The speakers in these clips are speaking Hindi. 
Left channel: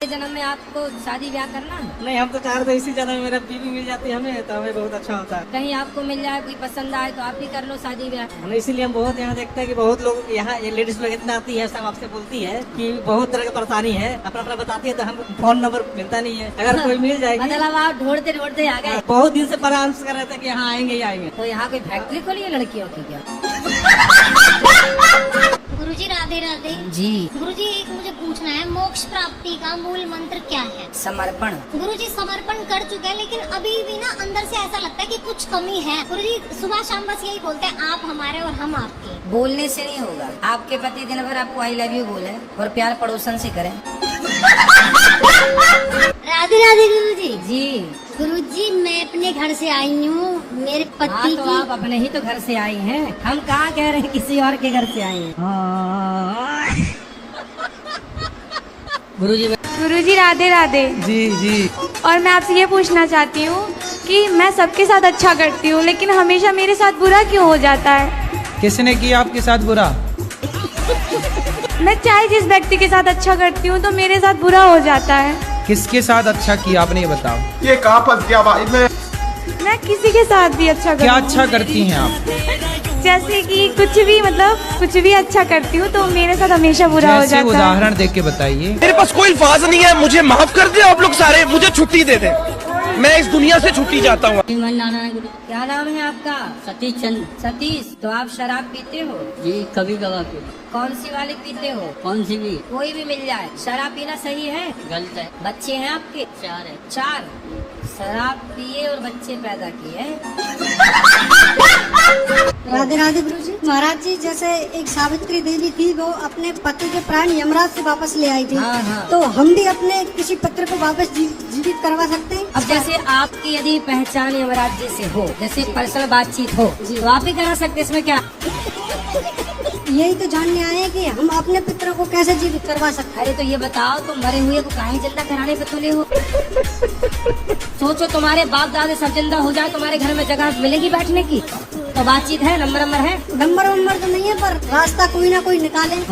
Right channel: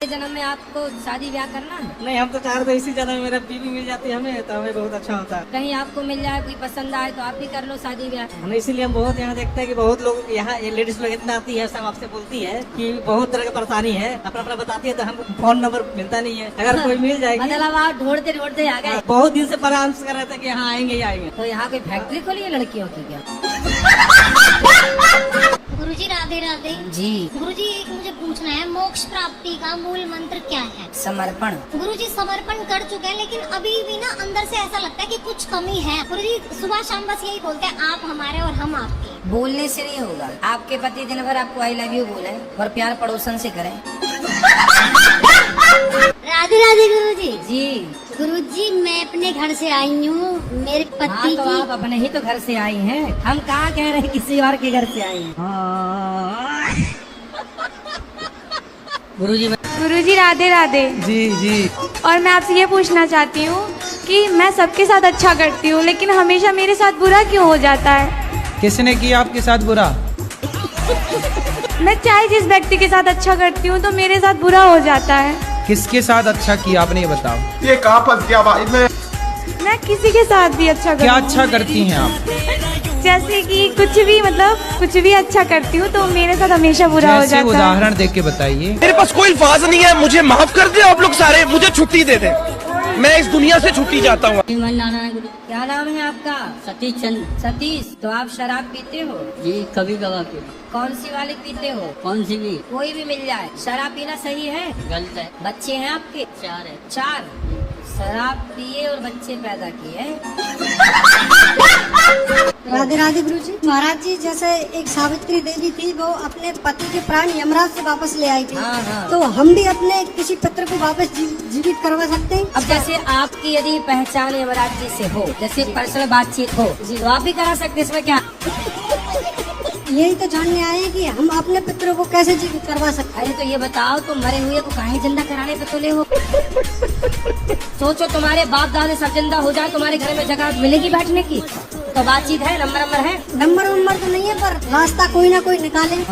जन्म में आपको शादी ब्याह करना है? नहीं, हम तो चाह रहे थे इसी जन्म में मेरा बीवी मिल जाती हमें तो हमें बहुत अच्छा होता है। कहीं आपको मिल जाए, कोई पसंद आए तो आप भी कर लो शादी ब्याह। हम इसीलिए हम बहुत यहाँ देखते हैं कि बहुत लोग यहाँ ये लेडीज लोग इतना आती है, सब आपसे बोलती है कि बहुत तरह की परेशानी है, अपना अपना बताती है तो हम फोन नंबर मिलता नहीं है। अगर कोई मिल जाएगी मतलब आप ढूंढते ढूंढते आ गए। बहुत दिन से परामर्श कर रहे थे कि यहाँ आएंगे ही आएंगे। तो यहाँ कोई फैक्ट्री खोली है लड़कियों की क्या? गुरुजी राधे राधे। जी। गुरुजी एक मुझे पूछना है, मोक्ष प्राप्ति का मूल मंत्र क्या है? समर्पण। गुरुजी समर्पण कर चुके हैं लेकिन अभी भी ना अंदर से ऐसा लगता है कि कुछ कमी है। गुरुजी सुबह शाम बस यही बोलते हैं, आप हमारे और हम आपके। बोलने से नहीं होगा। आपके पति दिन भर आपको आई लव यू बोले और प्यार पड़ोसन से करें। राधे राधे गुरुजी। जी। गुरुजी मैं अपने घर से आई हूँ, मेरे हाँ, पति तो की आप अपने ही तो घर से आई हैं। हम कहाँ कह रहे हैं किसी और के घर से आई हैं। गुरुजी राधे राधे। जी जी। और मैं आपसे ये पूछना चाहती हूँ कि मैं सबके साथ अच्छा करती हूँ लेकिन हमेशा मेरे साथ बुरा क्यों हो जाता है? किसने किया आपके साथ बुरा? मैं चाहे जिस व्यक्ति के साथ अच्छा करती हूँ तो मेरे साथ बुरा हो जाता है। किसके साथ अच्छा किया आपने, ये बताओ। ये कहाँ फंस गया भाई मैं किसी के साथ भी अच्छा क्या करती अच्छा करती हैं आप? हूँ, जैसे कि कुछ भी, मतलब कुछ भी अच्छा करती हूँ तो मेरे साथ हमेशा बुरा हो जैसे जाता है। उदाहरण देख के बताइए। मेरे पास कोई अल्फाज नहीं है, मुझे माफ कर दे आप लोग सारे, मुझे छुट्टी दे दे, मैं इस दुनिया से छुट्टी चाहता हूँ। क्या नाम है आपका? सतीश चंद। सतीश। तो आप शराब पीते हो? जी कभी कभार के। कौन सी वाली पीते हो? कौन सी भी? कोई भी मिल जाए। शराब पीना सही है? गलत है। बच्चे हैं आपके? 4 है। 4। शराब पिए और बच्चे पैदा किए। राधे राधे गुरुजी। महाराज जी, जैसे एक सावित्री देवी थी, वो अपने पति के प्राण यमराज से वापस ले आई थी। हाँ, हाँ। तो हम भी अपने किसी पत्र को वापस जीवित करवा सकते हैं? अब जैसे आपकी यदि पहचान यमराज जी से हो, जैसे पर्सनल बातचीत हो, तो आप भी करा सकते, इसमें क्या? यही तो जानने आए हैं कि हम अपने पुत्र को कैसे जीवित करवा सकते हैं। अरे तो ये बताओ, तुम मरे हुए को काहे जिंदा कराने पे तुले हो? सोचो तुम्हारे बाप दादा सब जिंदा हो जाए, तुम्हारे घर में जगह मिलेगी बैठने की? तो बातचीत है, नंबर है? नंबर तो नहीं है, पर रास्ता कोई ना कोई निकाले। राधे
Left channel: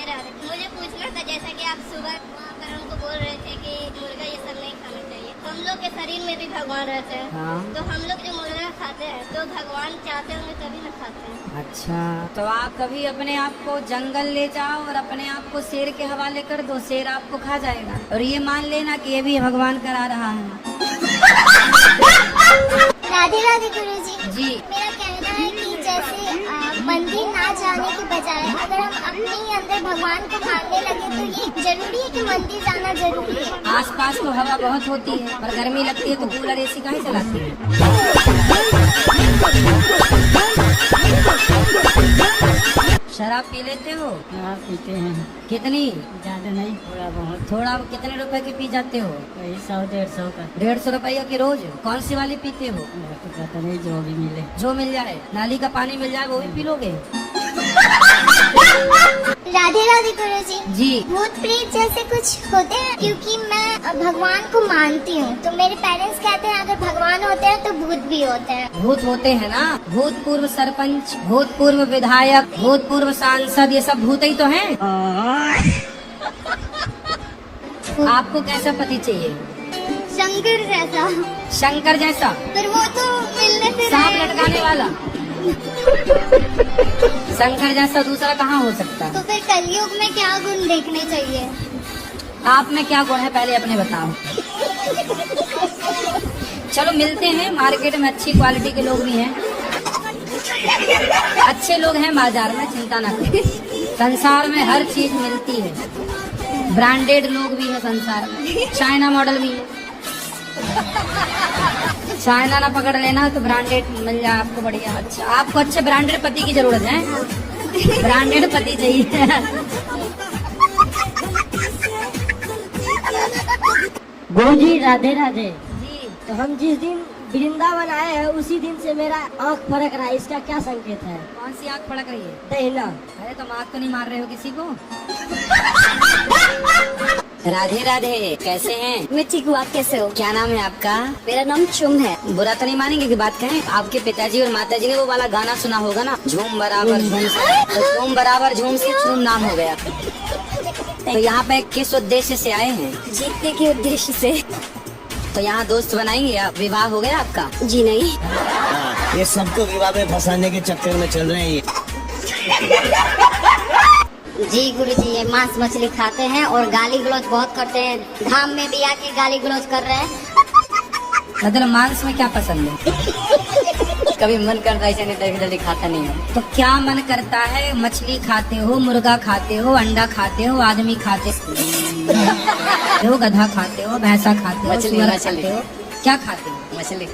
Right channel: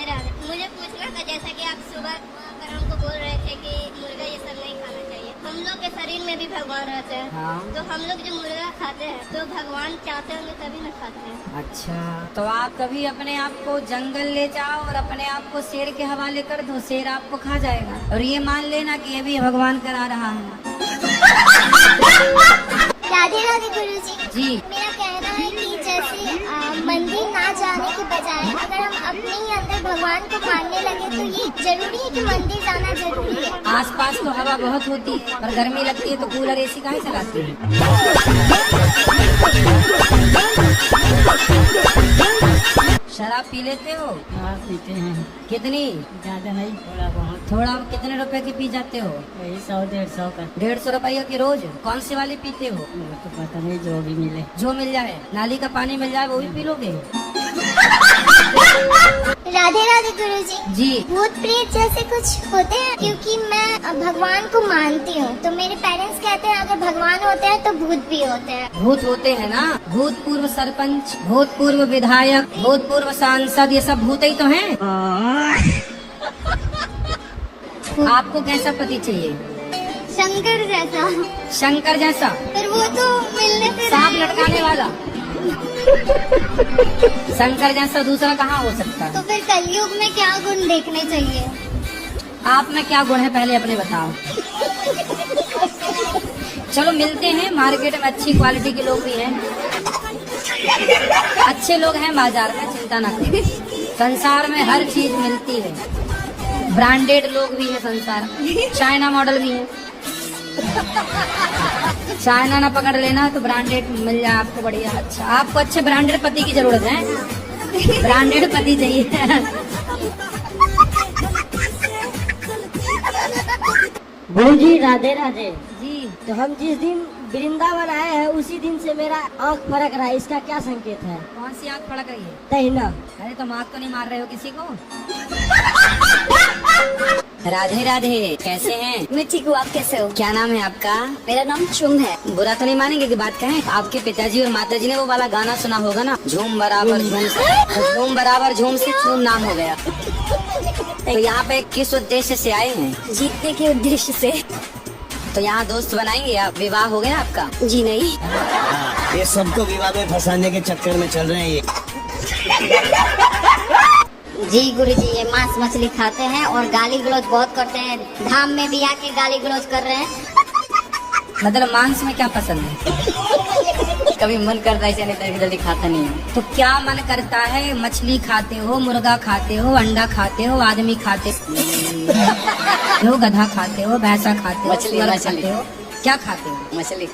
राधे। मुझे पूछना था, जैसा कि आप सुबह अगर हमको बोल रहे थे कि मुर्गा ये सब नहीं खाना चाहिए, तो हम लोग के शरीर में भी भगवान रहते हैं। तो हम लोग जो मुर्गा खाते हैं तो भगवान चाहते होंगे तभी ना खाते हैं। अच्छा, तो आप कभी अपने आप को जंगल ले जाओ और अपने आप को शेर के हवाले कर दो, शेर आपको खा जाएगा। और ये मान लेना कि ये भी भगवान करा रहा है। राधे राधे गुरुजी। जी। मेरा कहना है कि जैसे मंदिर ना जाने के बजाय अगर हम अपने ही अंदर भगवान को मानने लगे तो ये जरूरी है कि मंदिर जाना जरूरी है। आसपास तो हवा बहुत होती है, पर गर्मी लगती है तो कूलर एसी काहे चलाते हैं? शराब पी लेते हो? हाँ पीते हैं। कितनी? ज्यादा नहीं, थोड़ा बहुत। थोड़ा। कितने रुपए की पी जाते हो? 100-150 का। 150 रुपये की रोज? कौन से वाले पीते हो? तो पता नहीं, जो भी मिले। जो मिल जाए। नाली का पानी मिल जाए वो भी पी लोगे? राधे राधे गुरुजी। जी। भूत प्रेत जैसे कुछ होते हैं? क्योंकि मैं भगवान को मानती हूँ तो मेरे पेरेंट्स कहते हैं अगर भगवान होते हैं तो भूत भी होते हैं। भूत होते हैं ना, भूतपूर्व सरपंच, भूतपूर्व विधायक, भूतपूर्व सांसद, ये सब भूत ही तो हैं। आपको कैसा पति चाहिए? शंकर जैसा। शंकर जैसा? पर वो तो मिलने से सांप लटकाने वाला। शंकर जैसा दूसरा कहाँ हो सकता है? तो फिर कलयुग में क्या गुण देखने चाहिए? आप में क्या गुण है पहले अपने बताओ। चलो मिलते हैं, मार्केट में अच्छी क्वालिटी के लोग भी हैं, अच्छे लोग हैं बाजार में, चिंता ना करो। संसार में हर चीज मिलती है, ब्रांडेड लोग भी है संसार में, चाइना मॉडल भी है। चाइना ना पकड़ लेना तो ब्रांडेड मिल जाए आपको, बढ़िया। अच्छा, आपको अच्छे ब्रांडेड पति की जरूरत है, ब्रांडेड पति चाहिए। गुरुजी राधे राधे। जी। तो हम जिस दिन वृंदावन आए हैं उसी दिन से मेरा आँख फड़क रहा है, इसका क्या संकेत है? कौन सी आँख फड़क रही है? दहिना। अरे तो आँख तो नहीं मार रहे हो किसी को? राधे राधे, कैसे हैं? मैं ठीक हूँ, आप कैसे हो? क्या नाम है आपका? मेरा नाम चुंग है। बुरा तो नहीं मानेंगे कि बात कहें? आपके पिताजी और माताजी ने वो वाला गाना सुना होगा ना, झूम बराबर झूम से, तो झूम बराबर झूम से झूम नाम हो गया। तो यहाँ पे किस उद्देश्य से आए हैं? जीतने के उद्देश्य से। तो यहाँ दोस्त बनाएंगे आप? विवाह हो गया आपका? जी नहीं। ये सबको विवाह में फंसाने के चक्कर में चल रहे हैं। जी गुरुजी, ये मांस मछली खाते हैं और गाली गलौज बहुत करते हैं। धाम में भी आके गाली गलौज कर रहे हैं। मतलब मांस में क्या पसंद है? कभी मन करता है ऐसे, नहीं तो जल्दी खाता नहीं हूँ। तो क्या मन करता है? मछली खाते हो, मुर्गा खाते हो, अंडा खाते हो, आदमी खाते हो, गधा खाते हो, भैंसा खाते हो, मछली, सुअर मछली। खाते हो, क्या खाते हो? मछली।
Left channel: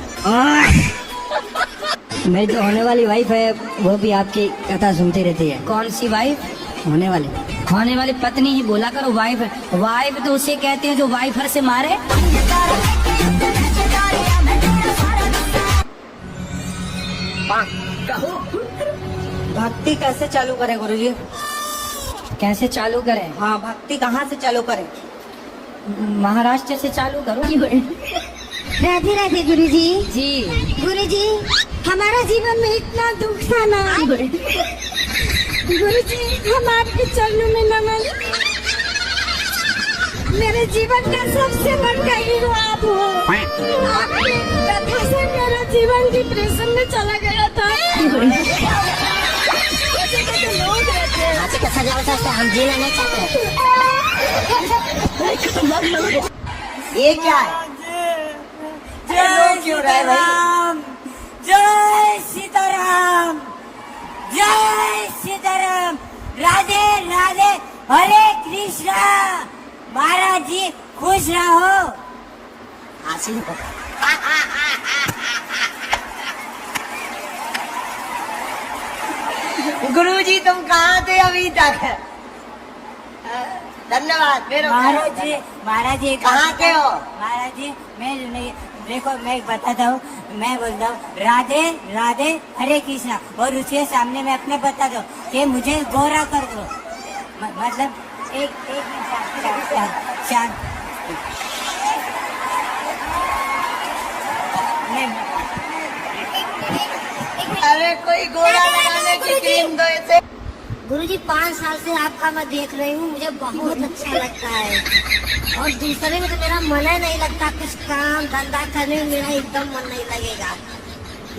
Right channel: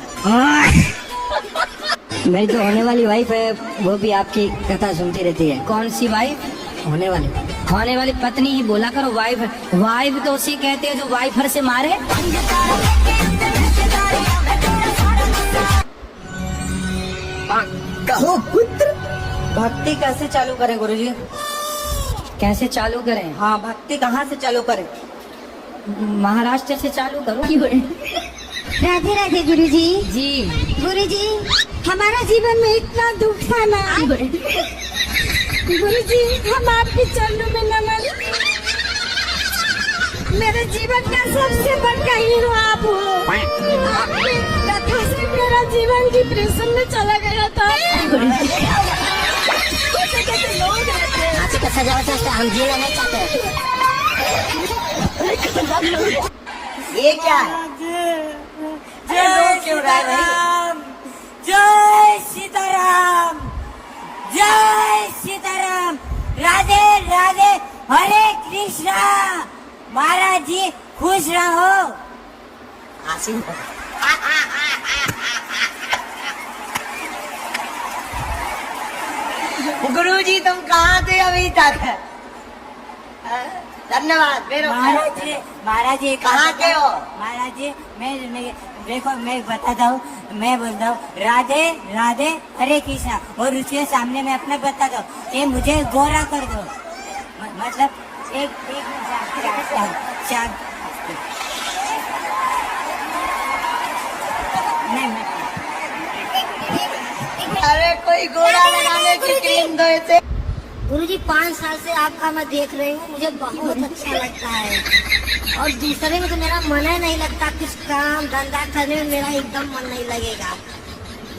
मेरी जो होने वाली वाइफ है वो भी आपकी कथा सुनती रहती है। कौन सी वाइफ? होने वाले। होने वाली पत्नी ही बोला करो। वाइफ, वाइफ तो उसे कहते हो जो वाइफर से मारे। कहो पुत्र, भक्ति कैसे चालू करें गुरुजी? कैसे चालू करें? हाँ, भक्ति कहाँ से चालू करें? महाराष्ट्र से चालू करो। राधे राधे गुरुजी। जी गुरुजी, हमारा जीवन में इतना दुख था ना। गुरुजी, हम आपके चरणों में नमन। मेरे जीवन का सबसे बड़ा हीरो आप हो। आपके कथा से मेरा जीवन डिप्रेशन में चला गया था। कैसा जबरदस्त हम जीना नहीं चाहते। ये क्या है? जय क्यों रहा है भाई? जय सीताराम, जय सीताराम, राधे राधे, हरे कृष्णा। महाराज जी खुश रहो। आशीन गुरुजी, तुम कहाँ थे अभी तक? धन्यवाद। महाराज जी कहाँ के हो? महाराज जी मैं देखो, मैं बताता हूँ, मैं बोलता हूँ राधे राधे हरे कृष्णा, और उसके सामने मैं अपने बताता हूँ कि मुझे गोरा कर दो। मतलब एक अरे कोई गोरा लगाने की क्रीम दो इसे। गुरुजी, 5 साल से आपका मैं देख रही हूँ, मुझे बहुत अच्छा लगता है। और दूसरे में तो मेरा मन ही नहीं लगता। कुछ काम धंधा करने में मेरा एकदम मन नहीं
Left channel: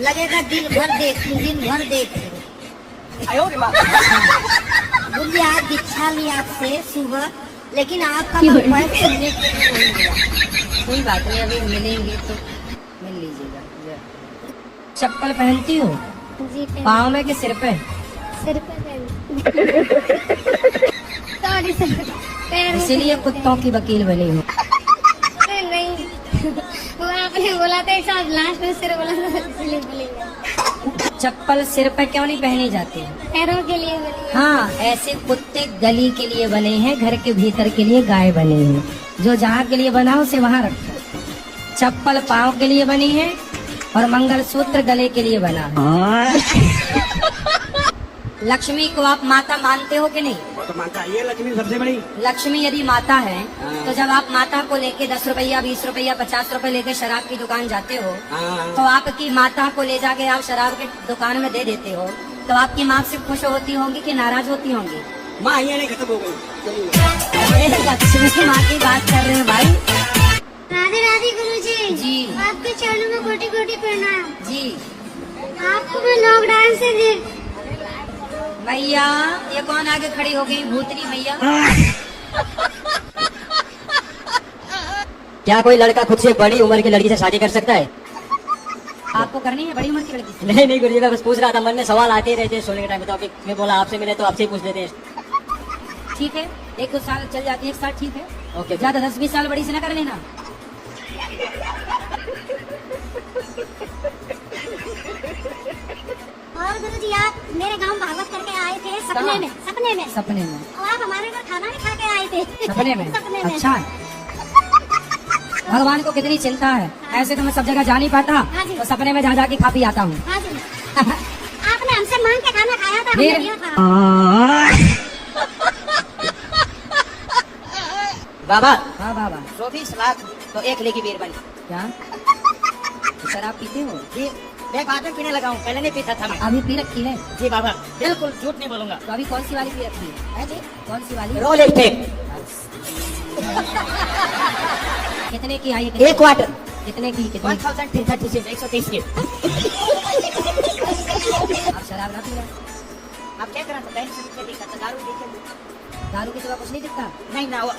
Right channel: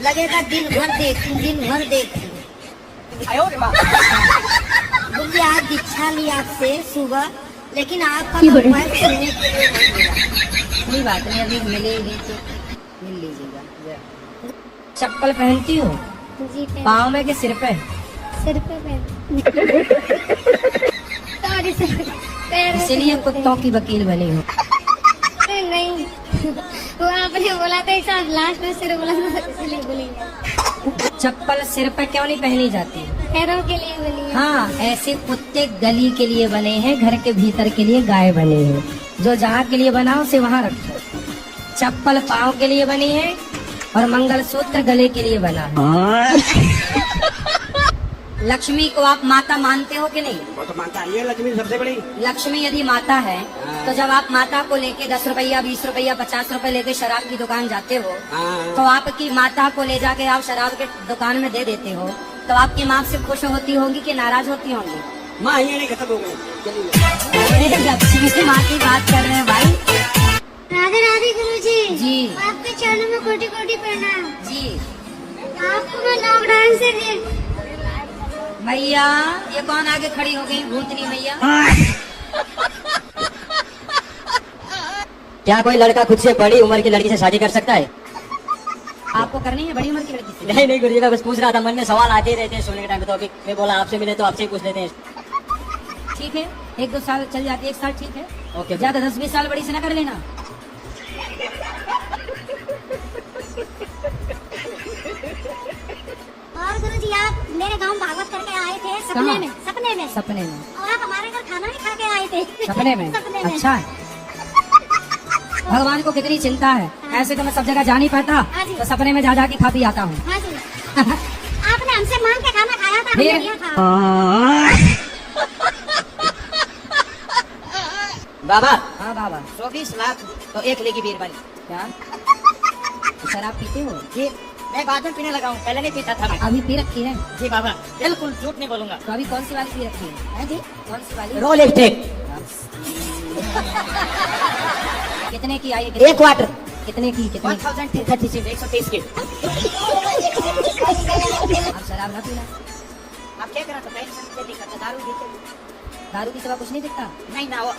लगेगा दिन भर देख। गुरुजी, आज दीक्षा ली आपसे सुबह, लेकिन आपका मोबाइल सुनने के लिए नहीं मिला। कोई बात नहीं, अभी मिलेंगे तो मिल लीजिएगा। चप्पल पहनती हो? जी पाँव में कि सिर पे? सर पे सॉरी सर, इसीलिए कुत्तों की वकील बनी हो। नहीं, वो आपने बोला था सब लास्ट में सिर बोला था, इसलिए बोलेंगे। चप्पल सिर पे क्यों नहीं पहनी जाती? पैरों के लिए बोलिए। हाँ, ऐसे कुत्ते गली के लिए बने हैं, घर के भीतर के लिए गाय बने हैं। जो जहाँ के लिए बना हो उसे वहाँ रखो। चप्पल पाँव के लिए बनी है और मंगलसूत्र गले के लिए बना है। लक्ष्मी को आप माता मानते हो कि नहीं? वो तो मानता है, ये लक्ष्मी सबसे बड़ी। लक्ष्मी यदि माता है तो जब आप माता को लेके 10 रुपया, 20 रुपया, 50 रुपए लेके शराब की दुकान जाते हो, तो आपकी माता को ले जाके आप शराब की दुकान में दे देते हो, तो आपकी माँ से खुश होती होंगी कि नाराज होती होंगी? माँ ये नहीं खत्म हो गई। लक्ष्मी माँ की बात कर रहे हैं भाई। राधे राधे गुरुजी। जी आपके चरणों में कोटि कोटि प्रणाम। जी आपको मैं लॉकडाउन से भैया, ये कौन आगे खड़ी होगी? भूतनी भैया। क्या कोई लड़का खुद से बड़ी उम्र की लड़की से शादी कर सकता है? आपको करनी है बड़ी उम्र की लड़की? नहीं नहीं गुरुजी, मैं बस पूछ रहा था, मन में सवाल आते ही रहते हैं सोने के टाइम पे, तो अभी मैं बोला आपसे मिले तो आपसे ही पूछ लेते हैं। ठीक है, 1-2 साल चल जाती है, 1 साल ठीक है। ओके। ज्यादा 10-20 साल बड़ी से ना कर लेना। और गुरुजी, आप मेरे गांव भागवत करके आए थे सपने में। सपने में? और आप हमारे घर खाना नहीं खा के आए थे। सपने में? सपने में। अच्छा, भगवान को कितनी चिंता है। ऐसे तो मैं सब जगह जा नहीं पाता, तो सपने में जा के खा पी आता हूँ। हाँ जी। आपने हमसे मांग के खाना खाया था, हमने फिर? दिया था। बाबा हाँ बाबा। 24 लाख तो 1 लेगी बीर बनी। क्या? तो शराब पीते हो? जी, मैं बाद में पीने लगा हूँ, पहले नहीं पीता था मैं। अभी पी रखी है? जी बाबा, बिल्कुल झूठ नहीं बोलूंगा। तो अभी कौन सी वाली पी रखी है? जी कौन सी वाली? Roll step. कितने की आई? एक क्वार्टर कितने की? कितने? 1036 123 की। आप शराब ना पीना। आप क्या करा सकते हैं? दारू देखिए। दारू की सिवा कुछ नहीं दिखता। नहीं ना वो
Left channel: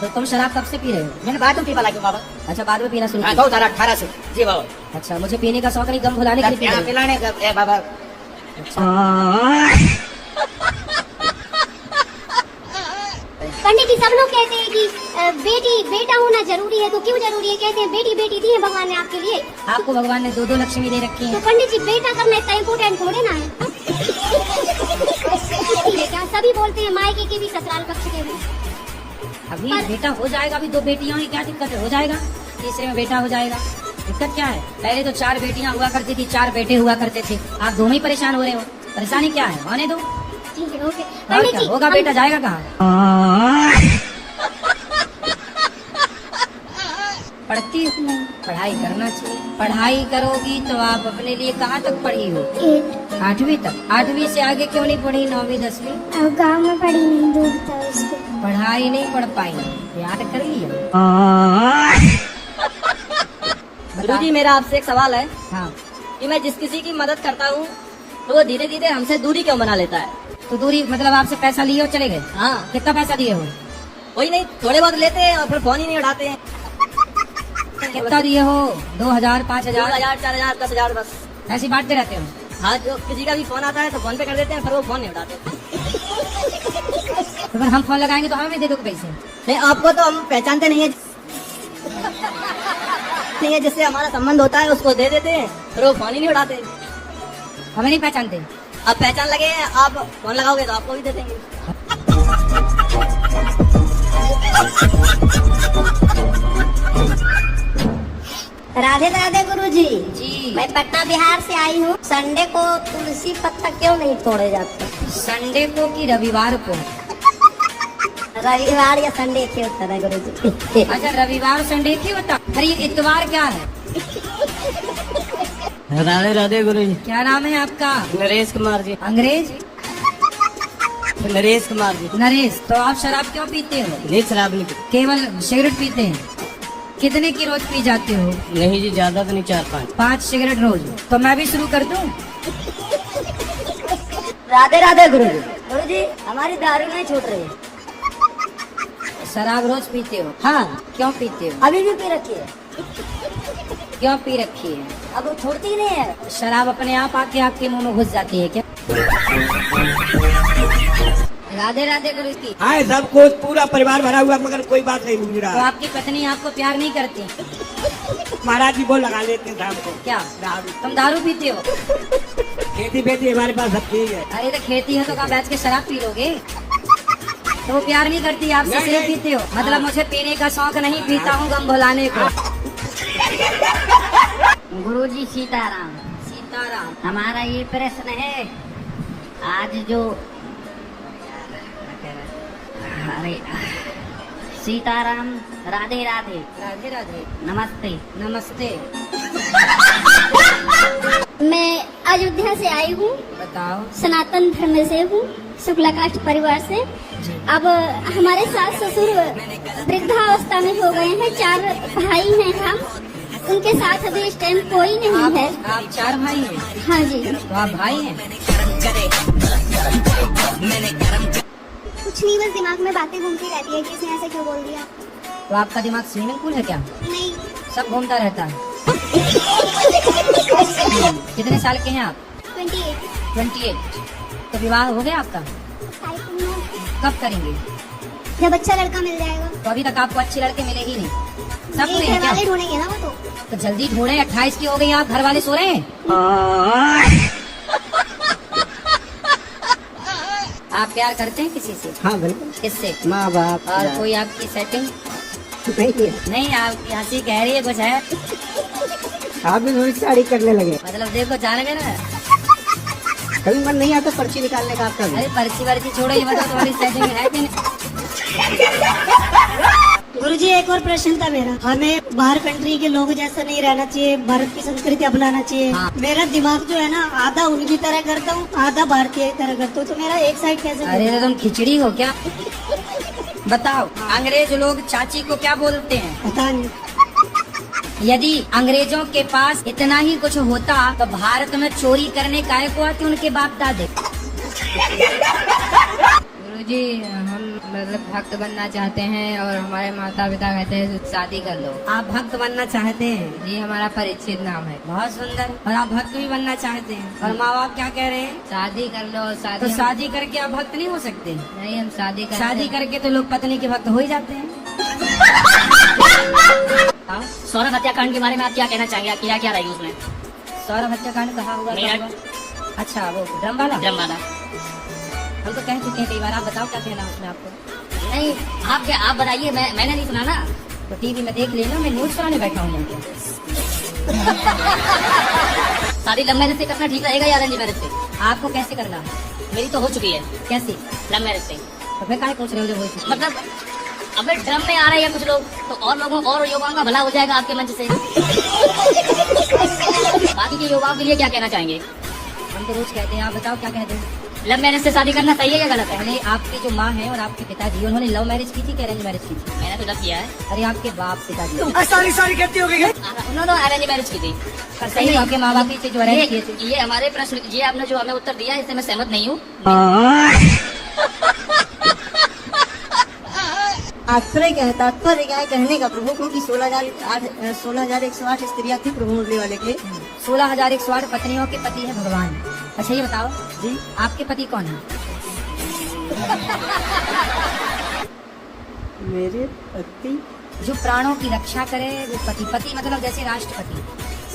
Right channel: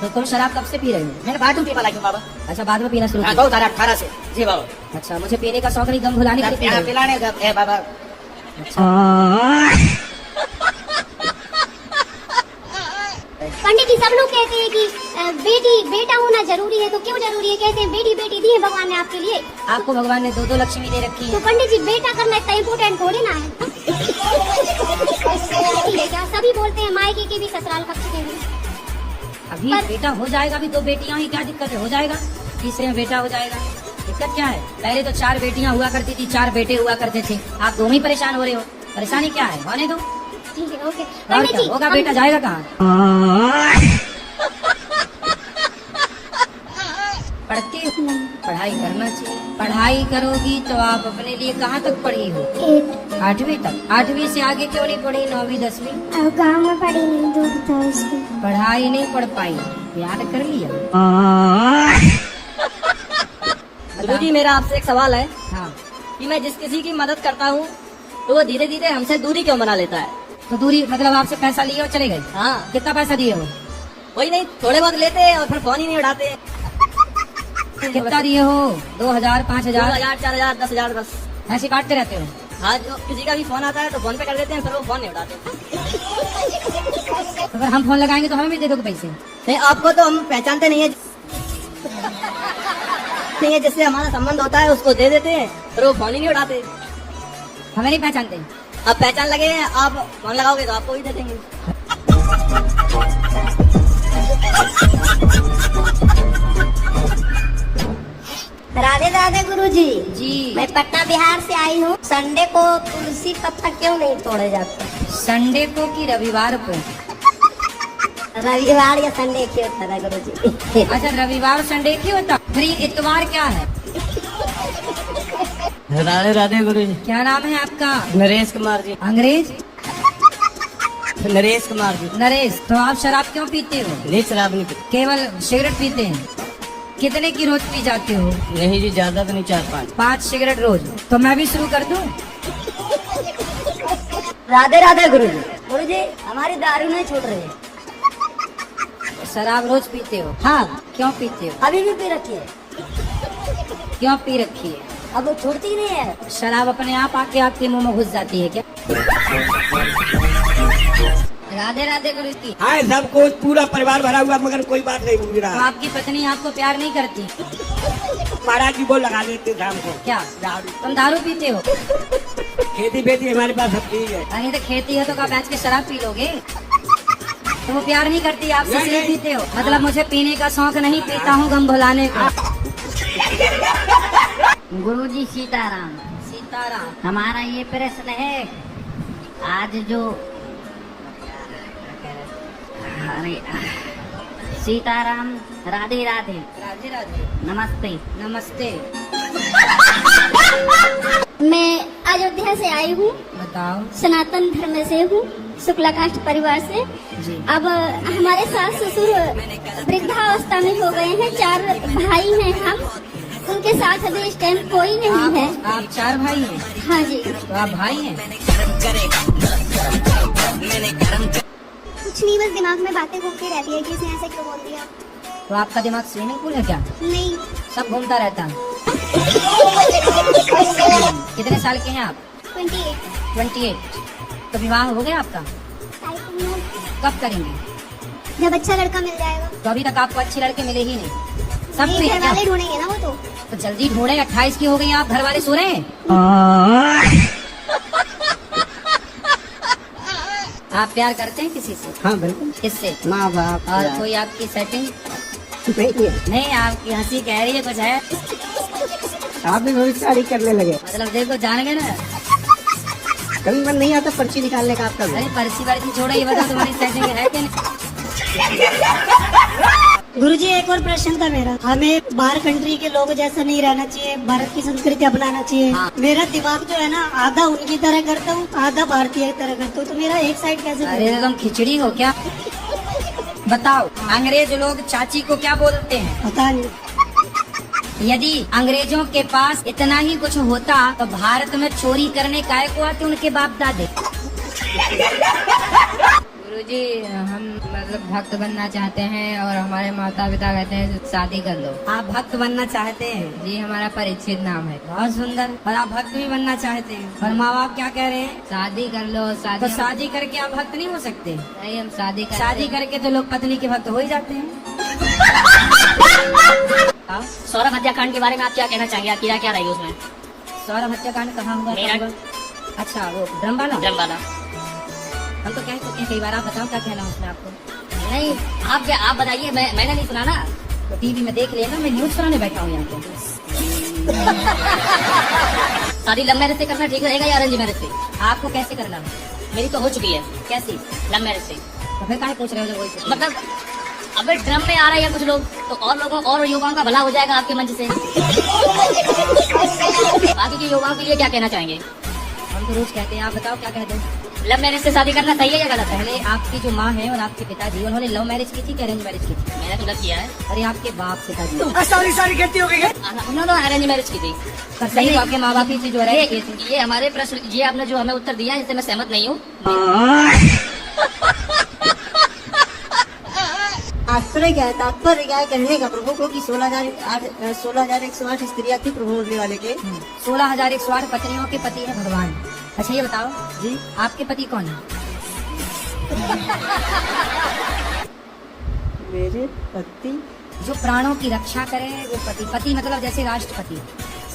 तो तुम शराब कब से पी रहे हो? मैंने बाद में पी पाला क्यों बाबा? अच्छा, बाद में पीना शुरू किया। 2018 से जी बाबा। अच्छा, मुझे पीने का शौक नहीं, गम भुलाने के लिए पी रहे हो। पिलाने का है बाबा। पंडित जी सब लोग कहते हैं कि बेटा होना जरूरी है, तो क्यों जरूरी है? कहते हैं बेटी दी है भगवान ने आपके लिए। आपको भगवान ने 2 लक्ष्मी दे रखी तो है। पंडित जी बेटा करना इतना इम्पोर्टेंट थोड़ी ना है। सभी बोलते हैं मायके के भी ससुराल पक्ष के भी। अभी बेटा हो जाएगा, अभी 2 बेटियां हुई, क्या दिक्कत है? हो जाएगा, तीसरे में बेटा हो जाएगा, दिक्कत क्या है? पहले तो 4 बेटियां हुआ करती थी, 4 बेटे हुआ करते थे। आप दोनों ही परेशान हो रहे हो, परेशानी क्या है? होने दो। ठीक है, ओके। और पंडित क्या जी होगा? बेटा जाएगा कहाँ? पढ़ती हो? पढ़ाई करना चाहिए। पढ़ाई करोगी तो आप अपने लिए कहाँ तक पढ़ी हो? 8वीं तक। 8वीं से आगे क्यों नहीं पढ़ी? 9वीं 10वीं? गाँव में पढ़ी नहीं, दूर था स्कूल। पढ़ाई नहीं पढ़ पाई, याद कर लिया। गुरुजी मेरा आपसे एक सवाल है हाँ, कि मैं जिस किसी की मदद करता हूँ तो वो धीरे धीरे हमसे दूरी क्यों बना लेता है? तो दूरी मतलब आपसे पैसा लिए और चले गए? हाँ, कितना पैसा दिए हो? वही नहीं, थोड़े बहुत लेते हैं और फिर फोन ही नहीं उठाते हैं। कितना दिए हो? 2000, 5000? 2000 4000 10,000 बस। ऐसी बांटते रहते हो? हाँ, जो किसी का भी फोन आता है तो फोन पे कर देते हैं, फिर वो फोन नहीं उठाते। तो अगर हम फोन लगाएंगे तो हमें भी दे दोगे पैसे? नहीं, आपको तो हम पहचानते नहीं है। नहीं है, जिससे हमारा संबंध होता है उसको दे देते हैं, फिर वो फोन ही नहीं उठाते। हमें नहीं पहचानते? अब पहचान लगे, आप फोन लगाओगे तो आपको भी दे देंगे। राधे राधे गुरुजी। जी। मैं पटना बिहार से आई हूँ। संडे को तुलसी पत्ता क्यों नहीं तोड़े जाते? संडे को कि रविवार को? रविवार या संडे क्यों होता है गुरुजी? अच्छा, रविवार संडे क्यों होता? अरे इतवार क्या है? राधे राधे गुरुजी। क्या नाम है आपका? नरेश कुमार जी। अंग्रेज? नरेश कुमार जी। नरेश। तो आप शराब क्यों पीते हो? नहीं, शराब नहीं केवल सिगरेट पीते हैं? कितने की रोज पी जाते हो? नहीं जी, ज्यादा तो नहीं, 4-5। 5 सिगरेट रोज? तो मैं भी शुरू कर दूं? राधे राधे गुरुजी। गुरुजी हमारी दारू नहीं छूट रही है। शराब रोज पीते हो? हाँ, क्यों पीते हो? अभी भी पी रखी है। क्यों पी रखी है? अब वो छूटती नहीं है। शराब अपने आप आके आपके मुंह में घुस जाती है क्या? राधे राधे गुरुजी। आए सब कुछ पूरा परिवार भरा हुआ, मगर कोई बात नहीं पूछ तो रहा। आपकी पत्नी आपको प्यार नहीं करती? महाराज जी को लगा लेते शाम को। क्या तुम दारू पीते हो? खेती बेती हमारे पास सब चीज है। अरे तो खेती है तो क्या बैठ के शराब पी लोगे? तो वो प्यार नहीं करती आपसे, नहीं, इसलिए नहीं। पीते हो? मतलब मुझे पीने का शौक नहीं, पीता हूँ गम भुलाने को। गुरुजी सीताराम। सीताराम। हमारा ये प्रश्न है, आज जो अरे सीताराम, राधे राधे। राधे राधे। नमस्ते। नमस्ते। मैं अयोध्या से आई हूँ, बताओ। सनातन धर्म से हूँ, शुक्ला कास्ट परिवार से। जी। अब हमारे सास ससुर वृद्धावस्था में हो गए हैं। 4 भाई हैं हम, उनके साथ अभी इस टाइम कोई नहीं है। आप 4 भाई हैं? हाँ जी। तो आप भाई हैं? कुछ नहीं, बस दिमाग में बातें घूमती रहती है कि इसने ऐसे क्यों बोल दिया। तो आपका दिमाग स्विमिंग पूल है क्या? नहीं, सब घूमता रहता है। कितने साल के हैं आप? 28। 28। तो विवाह हो गया आपका? कब करेंगे? जब अच्छा लड़का मिल जाएगा। तो अभी तक आपको अच्छे लड़के मिले ही नहीं। सब नहीं, तो घर वाले ढूंढेंगे ना वो तो जल्दी ढूंढे। 28 की हो गई, आप घर वाले सो रहे हैं? आप प्यार करते हैं किसी से? हाँ बिल्कुल। किससे? माँ बाप। और कोई आपकी सेटिंग? नहीं, आपकी हंसी कह रही है कुछ है। आप भी रोज शादी करने लगे। मतलब देखो, जान गए ना। कभी मन नहीं आता पर्ची निकालने का आपका? अरे पर्ची वर्ची छोड़ो, ये बताओ तुम्हारी सेटिंग है कि नहीं? गुरुजी एक और प्रश्न था मेरा। हमें बाहर कंट्री के लोगों जैसा नहीं रहना चाहिए, भारत की संस्कृति अपनाना चाहिए। हाँ। मेरा दिमाग जो है ना, आधा उनकी तरह करता हूँ, आधा भारतीय की तरह करता हूँ, तो मेरा एक साइड कैसे? अरे तो तुम खिचड़ी हो क्या? बताओ अंग्रेज लोग चाची को क्या बोलते हैं? पता नहीं। यदि अंग्रेजों के पास इतना ही कुछ होता तो भारत में चोरी करने काहे को आते उनके बाप दादे? गुरुजी हम मतलब भक्त बनना चाहते हैं और हमारे माता पिता कहते हैं कि शादी कर लो। आप भक्त बनना चाहते हैं? जी हमारा परीक्षित नाम है। बहुत सुंदर। और आप भक्त भी बनना चाहते हैं और माँ बाप क्या कह रहे हैं? शादी कर लो। तो शादी करके आप भक्त नहीं हो सकते? नहीं, हम शादी करके तो लोग पत्नी के भक्त हो ही जाते हैं। सौरभ हत्याकांड के बारे में आप क्या कहना चाहेंगे? आपकी राय क्या रही उसमें? सौरभ हत्याकांड कहाँ हुआ? अच्छा वो ड्रमवाला। हम तो कह चुके हैं कई बार। आप बताओ क्या कहना उसमें आपको? नहीं, आप बताइए। मैंने नहीं सुना ना। तो टीवी में देख लिया ना, मैं न्यूज सुनाने बैठा हूँ यहाँ पे। शादी लव मैरिज से करना ठीक रहेगा या अरेंज मैरिज से? आपको कैसे करना? मेरी तो हो चुकी है। कैसी? लव मैरिज से। अबे क्या पूछ रहे हो जब वही? मतलब अपने ड्रम में आ रहे हैं कुछ लोग, तो और लोगों और युवाओं का भला हो जाएगा आपके मंच से। बाकी के युवाओं के लिए क्या कहना चाहेंगे? हम तो रोज कहते हैं। आप बताओ क्या कहते हैं? लव मैरिज से शादी करना सही है या गलत है? पहले आपकी जो माँ है और आपके पिताजी, उन्होंने लव मैरिज की थी कि अरेंज मैरिज की थी? मैंने तो लव किया है। और ये आपके बाप पिताजी? सॉरी कहती होगी। उन्होंने अरेंज मैरिज की थी। तब सही आपके माँ बाप की जो अरेंज की थी? ये हमारे प्रश्न, ये आपने जो हमें उत्तर दिया इससे मैं सहमत नहीं हूँ। तात्पर्य क्या है? तात्पर्य क्या है कहने का प्रभु को कि 16,108 स्त्रियां थी प्रभु होने वाले के। 16,108 पत्नियों के पति है भगवान। अच्छा ये बताओ जी, आपके पति कौन है? मेरे पति जो प्राणों की रक्षा करे वो पति। पति मतलब जैसे राष्ट्रपति,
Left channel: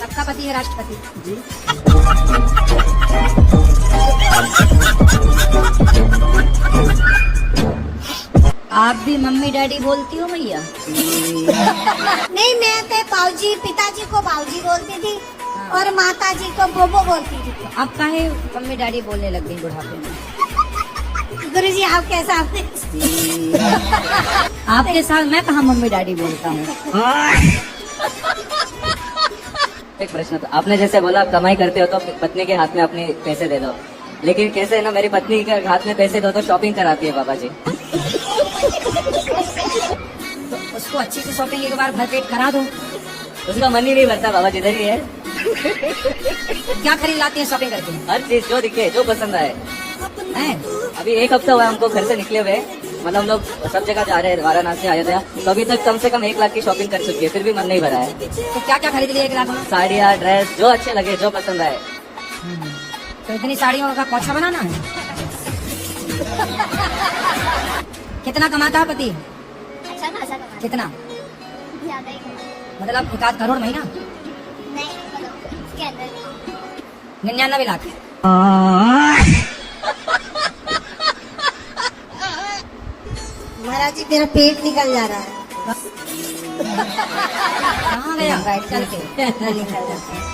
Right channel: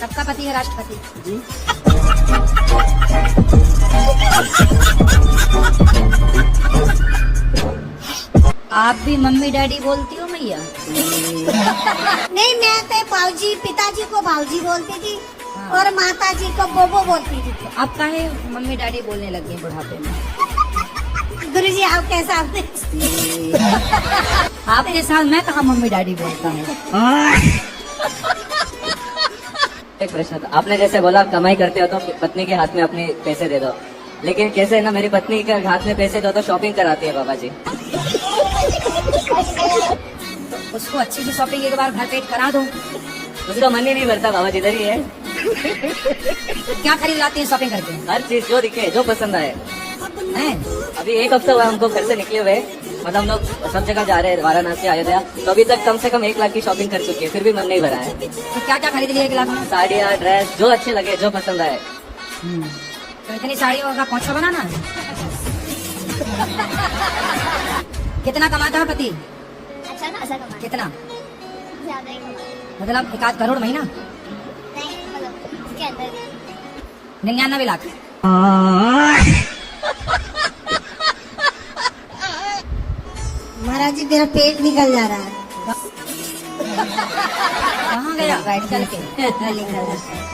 सबका पति है राष्ट्रपति जी। आप भी मम्मी डैडी बोलती हो भैया? नहीं, मैं तो बाबूजी, पिताजी को बाबूजी बोलती थी और माता जी को बोबो बोलती थी। अब काहे मम्मी डैडी बोलने लग गई बुढ़ापे में? गुरुजी आप कैसा? आपके साथ मैं कहाँ मम्मी डैडी बोलता हूँ? एक प्रश्न था, आपने जैसे बोला आप कमाई करते हो तो पत्नी के हाथ में अपने पैसे दे दो, लेकिन कैसे है ना, मेरी पत्नी के हाथ में पैसे दो तो शॉपिंग कराती है बाबा जी। उसको अच्छी से शॉपिंग एक बार भर पेट करा दो। उसका मन ही नहीं भरता बाबा जी, इधर ही है। क्या खरीद लाती है शॉपिंग करके? हर चीज जो दिखे, जो पसंद आए। हैं? अभी एक हफ्ता हुआ हमको घर से निकले हुए, मतलब हम लोग सब जगह जा रहे हैं, वाराणसी अयोध्या, तो अभी तक कम से कम 1 लाख की शॉपिंग कर चुकी है, फिर भी मन नहीं भरा है। तो क्या क्या खरीद लिया 1 लाख में? साड़ियाँ, ड्रेस, जो अच्छे लगे, जो पसंद आए। तो इतनी साड़ियों का पोछा बनाना है? कितना कमाता है पति? अच्छा खासा कमाते। कितना? ज्यादा ही कमाते। मतलब 1 करोड़ महीना? नहीं, मतलब इसके अंदर भी। 99 लाख। महाराज जी मेरा पेट निकल जा रहा है। कहाँ गया?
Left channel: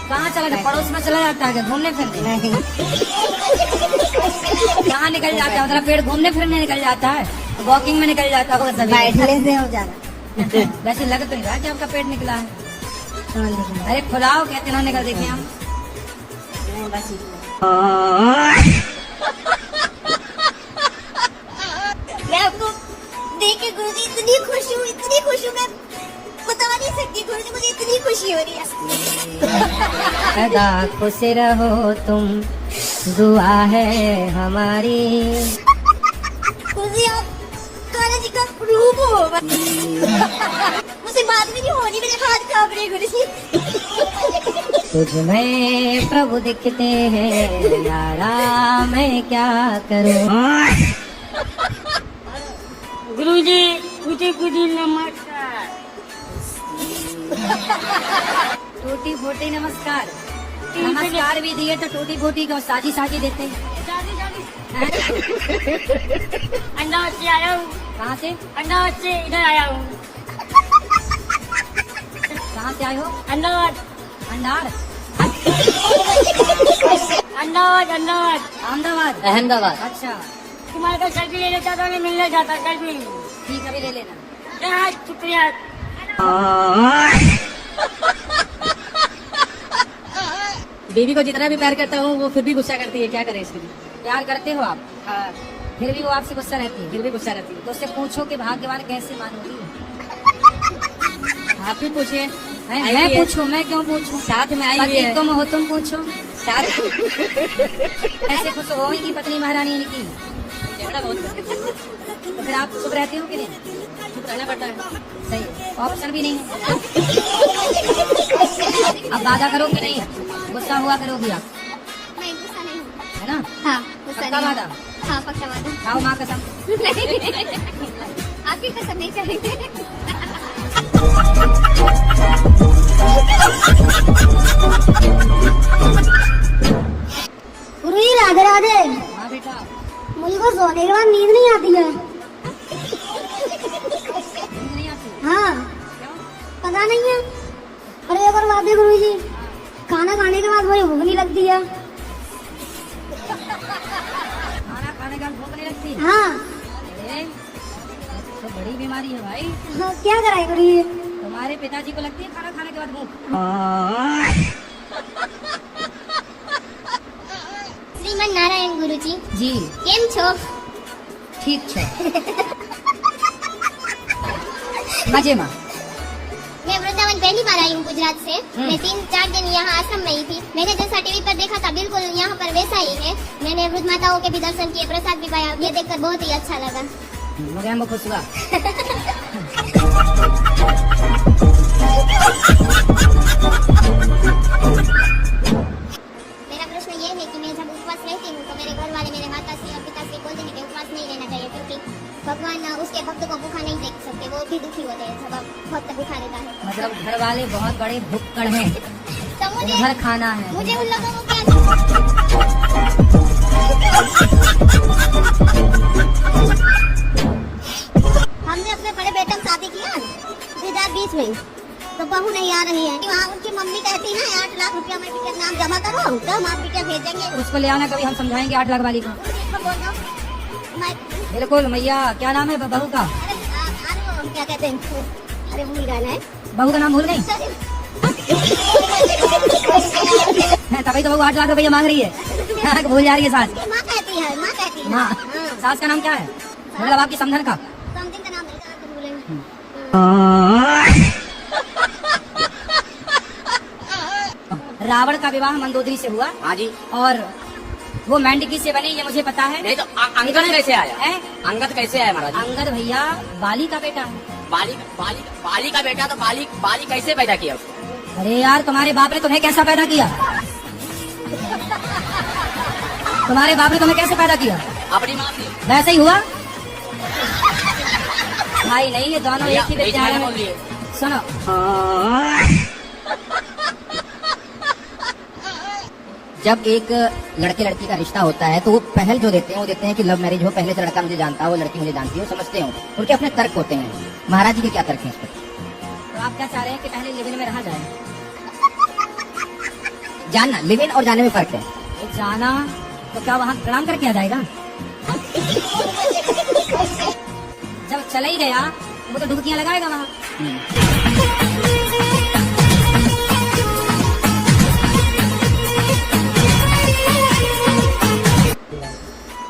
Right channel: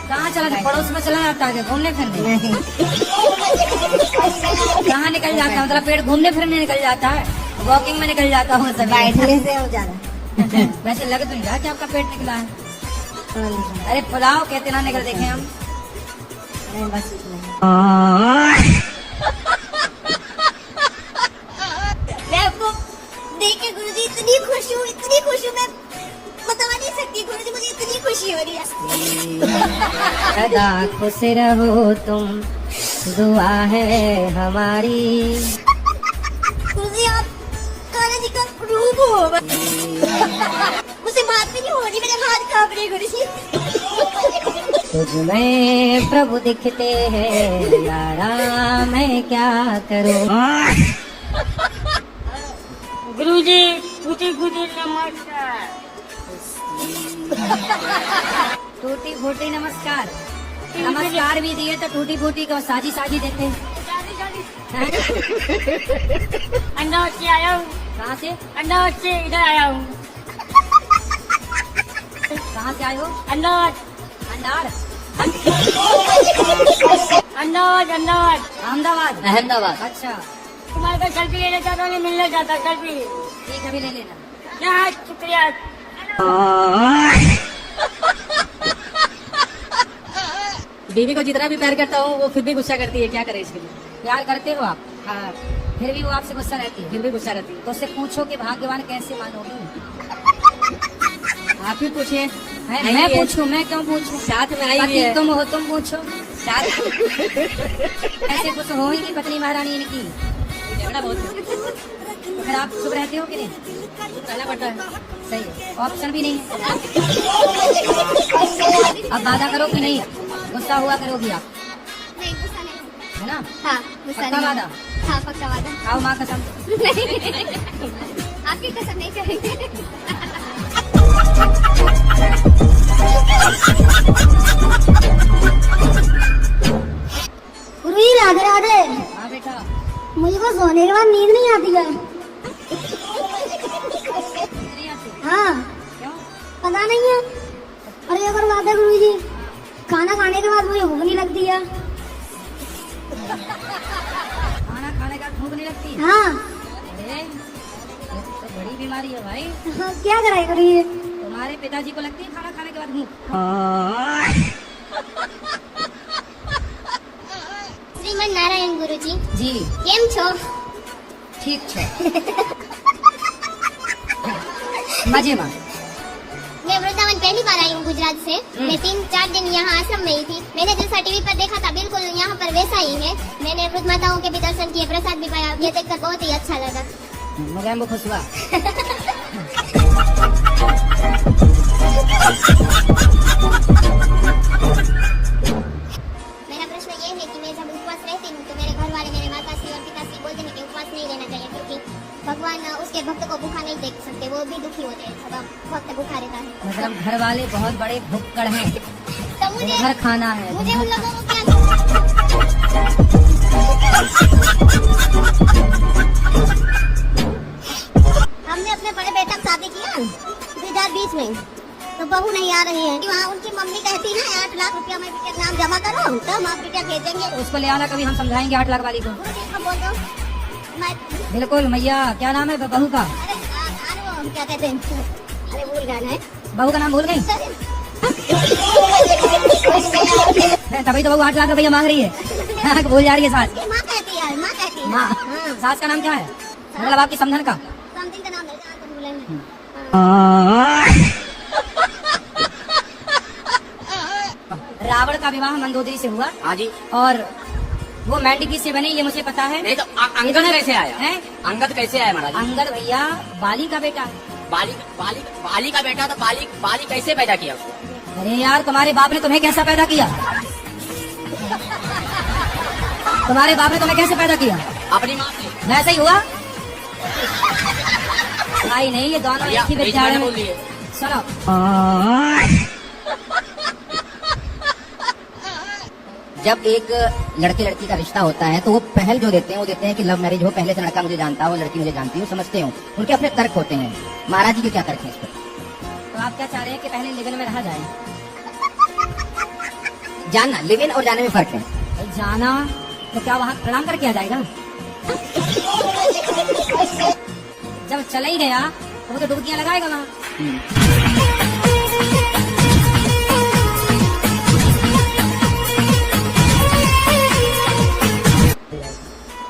कहाँ चला गया? पड़ोस में चला जाता है घूमने फिरने? नहीं, कहाँ निकल जाता है? मतलब पेट घूमने फिरने निकल जाता है, वॉकिंग में निकल जाता हो सब? बैठने से हो जाना। वैसे लग तो रहा है कि आपका पेट निकला है। अरे फुलाओ कहते रहने का देखे हम। मैं आपको देख के गुरुजी इतनी खुश हूँ मैं बता नहीं सकती। गुरुजी मुझे इतनी खुशी हो रही है। सदा खुश रहो तुम, दुआ है हमारी। गुरुजी आप कान्हा जी का रूप हो। मुझसे बात भी नहीं हो रही, मेरे हाथ कांप रहे गुरुजी। तुझ में प्रभु दिखते हैं यारा, मैं क्या करूं? गुरुजी मुझे कुछ नमस्कार। टूटी फूटी नमस्कार। नमस्कार भी दिए तो टूटी फूटी को साजी साजी देते हैं। अहमदाबाद से आया हूँ। कहाँ से? अहमदाबाद से इधर आया हूँ। कहाँ से आए हो? अहमदाबाद। अंधार? अहमदाबाद। अहमदाबाद। अच्छा तुम्हारा सेल्फी लेना चाहता हूँ, मिलना चाहता हूँ सेल्फी। ठीक है, अभी ले लेना। शुक्रिया। बीवी को जितना भी प्यार करता हूँ वो फिर भी गुस्सा करती है, क्या करें इसके लिए? प्यार करते हो आप? हाँ। फिर भी वो आपसे गुस्सा रहती है। फिर भी गुस्सा रहती तो उससे पूछो कि भाग्यवान कैसे मानोगे? है। आप ही पूछे। हैं? आई मैं भी है। पूछूं? मैं क्यों पूछूं? साथ में आई भी पति है। तुम हो, तुम पूछो। साथ ऐसे कुछ हो की पत्नी महारानी इनकी। झगड़ा बहुत करते हैं। तो फिर आप चुप रहते हो कि नहीं? चुप रहना पड़ता है। सही, ऑप्शन भी नहीं। अब वादा करो कि नहीं? गुस्सा हुआ करोगी आप, नहीं गुस्सा नहीं। है ना? हाँ गुस्सा पक्का नहीं। वादा? हाँ पक्का वादा। खाओ माँ कसम। आपकी कसम नहीं चलेगी। गुरुजी राधे राधे। हाँ बेटा। मुझको सोने के बाद नींद नहीं आती है। नहीं आती? हाँ क्यों? पता नहीं है। अरे एक और बात है गुरुजी, खाना खाने के बाद मुझे भूख नहीं लगती है। खाना खाने के बाद भूख नहीं लगती? हाँ अरे ये तो बड़ी बीमारी है भाई। क्या कराए गुरुजी? तुम्हारे पिताजी को लगती है खाना खाने के बाद भूख? श्रीमन नारायण गुरुजी जी केम छो? ठीक है। मजे में। मैं वृंदावन पहली बार आई हूँ गुजरात से। मैं 3-4 दिन यहाँ आश्रम में ही थी। मैंने जैसा टीवी पर देखा था बिल्कुल यहाँ पर वैसा ही है। मैंने वृद्ध माताओं के भी दर्शन किए, प्रसाद भी पाया। ये देखकर बहुत ही अच्छा लगा। मगर हम खुश हुआ। मेरा प्रश्न ये है कि मैं जब उपवास रहती हूँ तो मेरे घर वाले, मेरे माता श्री और पिताश्री बोलते हैं कि उपवास नहीं रहना चाहिए, क्योंकि भगवान उसके भक्त को भूखा नहीं देख सकते, वो भी दुखी होते हैं जब भक्त भूखा रहता है। मतलब घर वाले बहुत बड़े भुक्कड़ हैं, तो मुझे घर खाना है। मुझे उन लोगों को क्या हमने अपने बड़े बेटे की शादी किया गुजरात बीच में, तो बहू नहीं आ रही है। वहाँ उनकी मम्मी कहती है 8 लाख रुपया मैं बेटे के नाम जमा करो, तो हम आप बेटा भेजेंगे। उसको ले आना, कभी हम समझाएंगे 8 लाख वाली को। बोलो मैं बिल्कुल भैया। क्या नाम है बहू का? क्या कहते हैं, अरे भूल गया ना। बहू का नाम भूल गई? तभी तो बहू 8 लाख रुपया मांग रही है। भूल जा रही है सास। माँ कहती है, माँ कहती है। माँ। हाँ। सास का नाम क्या है? मतलब आपकी समधन का? समथिंग का नाम है, बोलेंगे। रावण का विवाह मंदोदरी से हुआ। हाँ जी। और वो मेंढकी से बनी, ये मुझे पता है। नहीं तो अंगद कैसे आया है? अंगद कैसे आया महाराज? अंगद भैया बाली का बेटा है। बाली का बेटा तो बाली कैसे पैदा किया? अरे यार, तुम्हारे बाप ने तुम्हें कैसा पैदा किया? तुम्हारे बाप ने तुम्हें कैसे पैदा किया? अपनी माँ से। वैसे ही हुआ? भाई नहीं, ये दोनों एक ही विद्यालय में। सुनो, जब एक लड़के लड़की का रिश्ता होता है तो वो पहल जो देते हैं वो देखते हैं कि लव मैरिज हो, पहले से लड़का मुझे जानता हो, लड़की मुझे जानती हो, समझते हो। उनके अपने तर्क होते हैं। महाराज जी के क्या तर्क हैं इस पर? तो आप क्या चाह रहे हैं कि पहले लिव इन में रहा जाए? जानना, लिव इन और जाने में फर्क है। जाना तो क्या वहाँ प्रणाम करके आ जाएगा? जब चला ही गया वो तो डुबकियां लगाएगा वहाँ।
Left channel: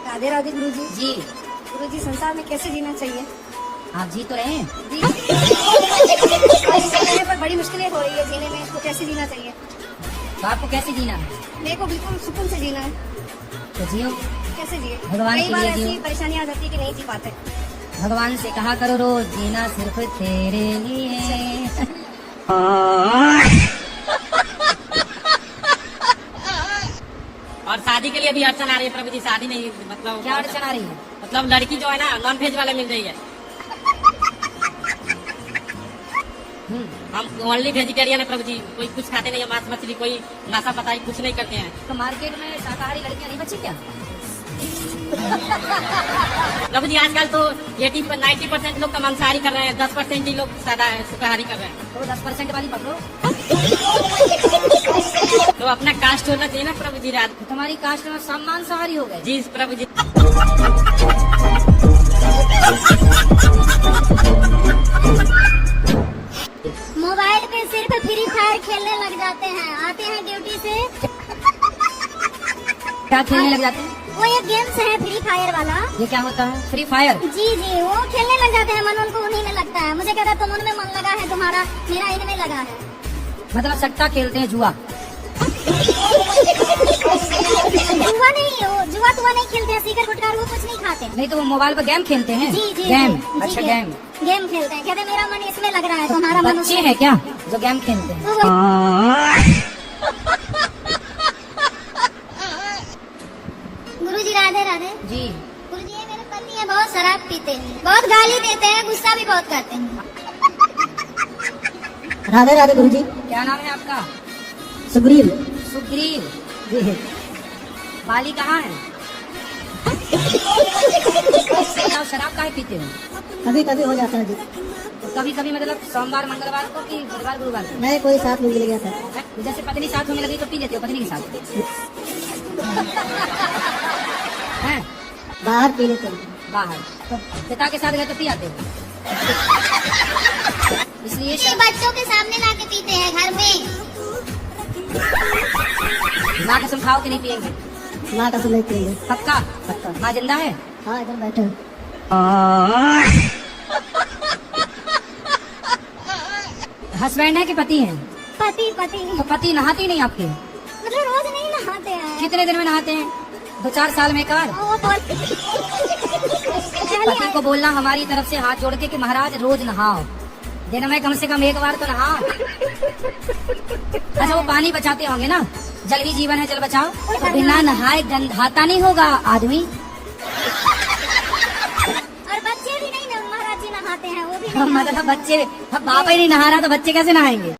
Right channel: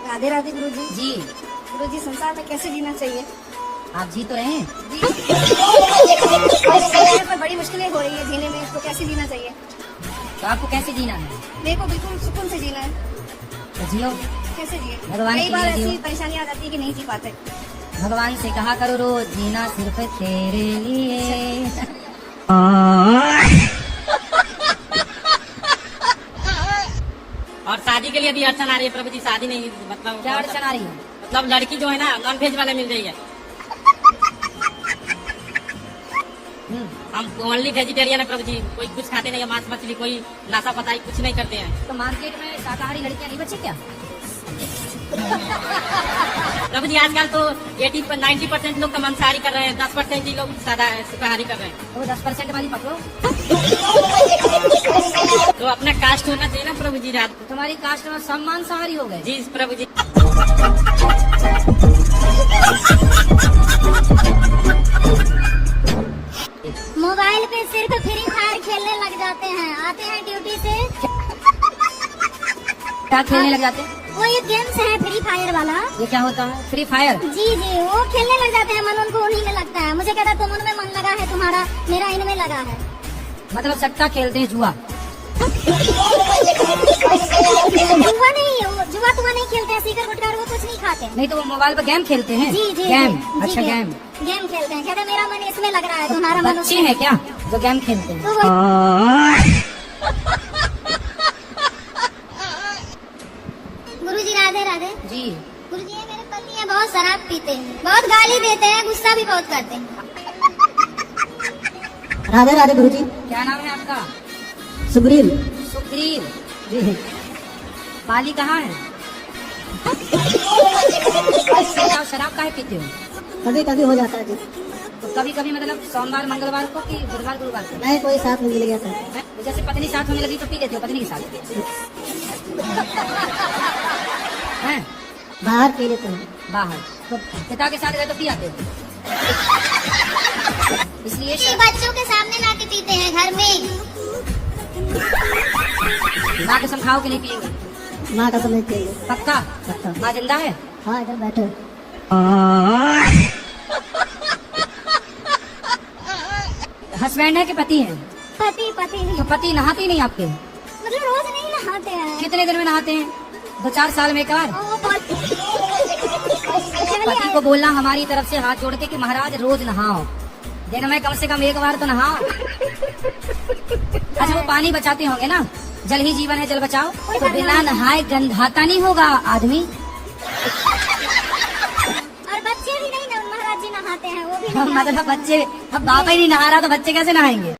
राधे राधे गुरुजी। जी गुरुजी, संसार में कैसे जीना चाहिए? आप जी तो रहे हैं। पर बड़ी मुश्किलें हो रही है जीने में, इसको कैसे जीना चाहिए? तो आपको कैसे जीना है? मेरे को बिल्कुल सुकून से जीना है। तो जियो, कैसे जिए? भगवान कई के बार लिए ऐसी जियो। परेशानियां आ जाती है कि नहीं जी पाते। भगवान से कहा करो रोज, जीना सिर्फ तेरे लिए। और शादी के लिए भी अड़चन आ रही है प्रभु जी। शादी नहीं, मतलब क्या अड़चन आ रही है? मतलब लड़की जो है ना नॉन वेज वाला मिल रही है। हम ओनली वेजिटेरियन है प्रभु जी, कोई कुछ खाते नहीं है, मांस मछली, कोई नाशा पताई कुछ नहीं करते हैं। तो मार्केट में शाकाहारी लड़कियां नहीं बची क्या? प्रभु जी आजकल तो 80-90% लोग तो मांसाहारी कर रहे हैं, 10% ही लोग सादा शाकाहारी कर रहे हैं। तो 10% वाली पकड़ो। तो अपना कास्ट होना चाहिए ना प्रभु जी। रात तुम्हारी कास्ट में सब मांसाहारी हो गए। जी प्रभु जी। मोबाइल पे सिर्फ फ्री फायर खेलने लग जाते हैं, आते हैं ड्यूटी से। क्या खेलने लग जाते हैं? वो एक गेम्स है फ्री फायर वाला। ये क्या होता है? Free fire? जी जी, वो खेलने लग जाते हैं, मन उनको उन्हीं में लगता है। मुझे कहता तुम उनमें मन लगा है तुम्हारा, मेरा इनमें लगा है। मतलब सट्टा खेलते हैं, जुआ? जुआ नहीं, जुआ तुआ नहीं खेलते हैं, सिगरेट गुटखा वो कुछ नहीं खाते। नहीं तो वो मोबाइल पर गेम खेलते हैं? जी जी गेम। जी, अच्छा, जी, गेम गेम खेलते हैं। कहते मेरा मन इसमें लग रहा है, तुम्हारा मन बच्चे है क्या जो गेम खेलते हैं? गुरुजी राधे राधे। जी। गुरुजी ये मेरे पति हैं, बहुत शराब पीते हैं, बहुत गाली देते हैं, गुस्सा भी बहुत करते हैं। राधे राधे गुरुजी। क्या नाम है आपका? सुग्रीव। सुग्रीव। जी। पाली कहाँ है? शराब काहे पीते हो? कभी कभी हो जाता है जी। तो कभी कभी मतलब सोमवार मंगलवार को कि बुधवार गुरुवार को? मैं कोई साथ में मिल गया था। जैसे पत्नी साथ में लगी तो पी लेते हो पत्नी के साथ? हैं? बाहर पी लेते हैं। बाहर तो पिता के साथ गए तो पी आते हो? इसलिए ये बच्चों के सामने लाके पीते हैं घर में। माँ कसम खाओ कि नहीं पिएंगे? माँ कसम नहीं पिएंगे। पक्का? पक्का। माँ जिंदा है? हाँ इधर बैठे हैं। हस्बैंड है कि पति है? पति पति। तो पति नहाते ही नहीं आपके? मतलब रोज नहीं नहाते हैं। कितने दिन में नहाते हैं? 2-4 साल में एक बार? पति को बोलना हमारी तरफ से हाथ जोड़ के कि महाराज रोज नहाओ, दिन में कम से कम एक बार तो नहाओ। अच्छा वो पानी बचाते होंगे ना, जल ही जीवन है जल बचाओ, तो बिना नहाए गंधाता नहीं होगा आदमी? और बच्चे भी नहीं महाराज जी नहाते हैं, वो भी मतलब बच्चे, अब बाप ही नहीं नहा रहा तो बच्चे कैसे नहाएंगे?